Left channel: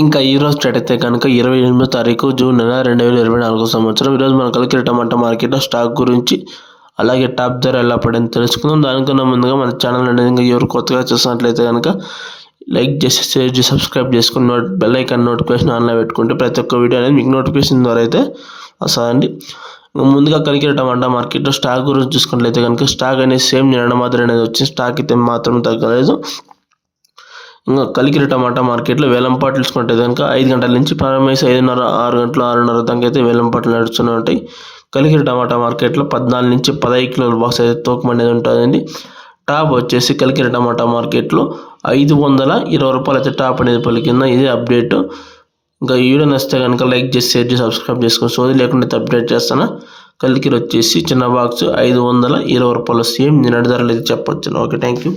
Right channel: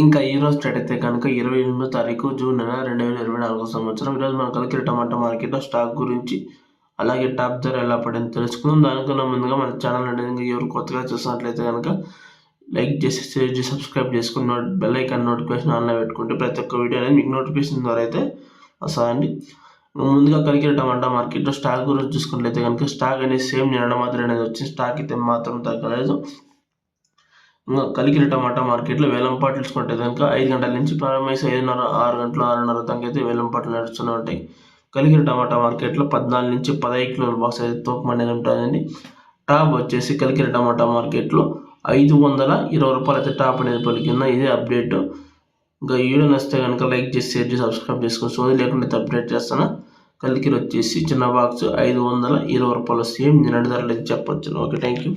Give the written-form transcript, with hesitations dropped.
ఇంకా ఈరోజు స్టార్ట్ అయితే కనుక 28వ తారీఖు జూన్ నెల 2024 సంవత్సరం. ఈరోజు మన కలికిరి టమాటా మార్కెట్లో స్టాక్ గురించి అలాగే టాప్ ధర ఎలా పడింది తెలుసుకుందాం. దానికన్నా ముందుగా మన ఛానల్ అనేది ఇంకా ఎవరు కొత్తగా చూసినట్లయితే కనుక లైక్ చేసి షేర్ చేసి సబ్స్క్రైబ్ చేసుకుని బెల్ ఐకాన్ నోటిఫికేషన్ ఆన్లో పెట్టుకుంటే ప్రతి ఒక్క వీడియో అనేది మీకు నోటిఫికేషన్ ద్వారా అయితే వస్తుందండి. ముందుగా కలికిరి టమాటా మార్కెట్లో స్టాక్ గురించి చూసుకున్నట్లయితే కనుక స్టాక్ అనేది సేమ్ నిన్న మాదిరి అనేది వచ్చి స్టాక్ అయితే మాత్రం తగ్గలేదు. ఇంకా కలికిరి టమాటా మార్కెట్లో వేలంపాట్లు చూసుకుంటే కనుక 5 గంటల నుంచి ప్రారంభించి 5:30 6 గంటలు 6:30 దాకా అయితే వేలంపాట్లు నడుస్తూనే ఉంటాయి. కలికిరి టమాటా మార్కెట్లో 14 నుంచి 15 కిలోల బాక్స్ అయితే తూకం అనేది ఉంటుందండి. టాప్ వచ్చేసి కలికిరి టమాటా మార్కెట్లో 520 రూపాయలు అయితే టాప్ అనేది పలికింద. ఇదే అప్డేట్. ఇంకా ఈ వీడియో నచ్చితే కనుక లైక్ చేసి షేర్ చేసి సబ్స్క్రైబ్ చేసుకొని సోది లేకుండా అప్డేట్ చేస్తాను. కలికిరి వచ్చేసి చిన్న బాక్స్ 520 రూపాయలు సేమ్ నిన్నటి ధరలు అయితే చెప్పొచ్చు. Okay, thank you.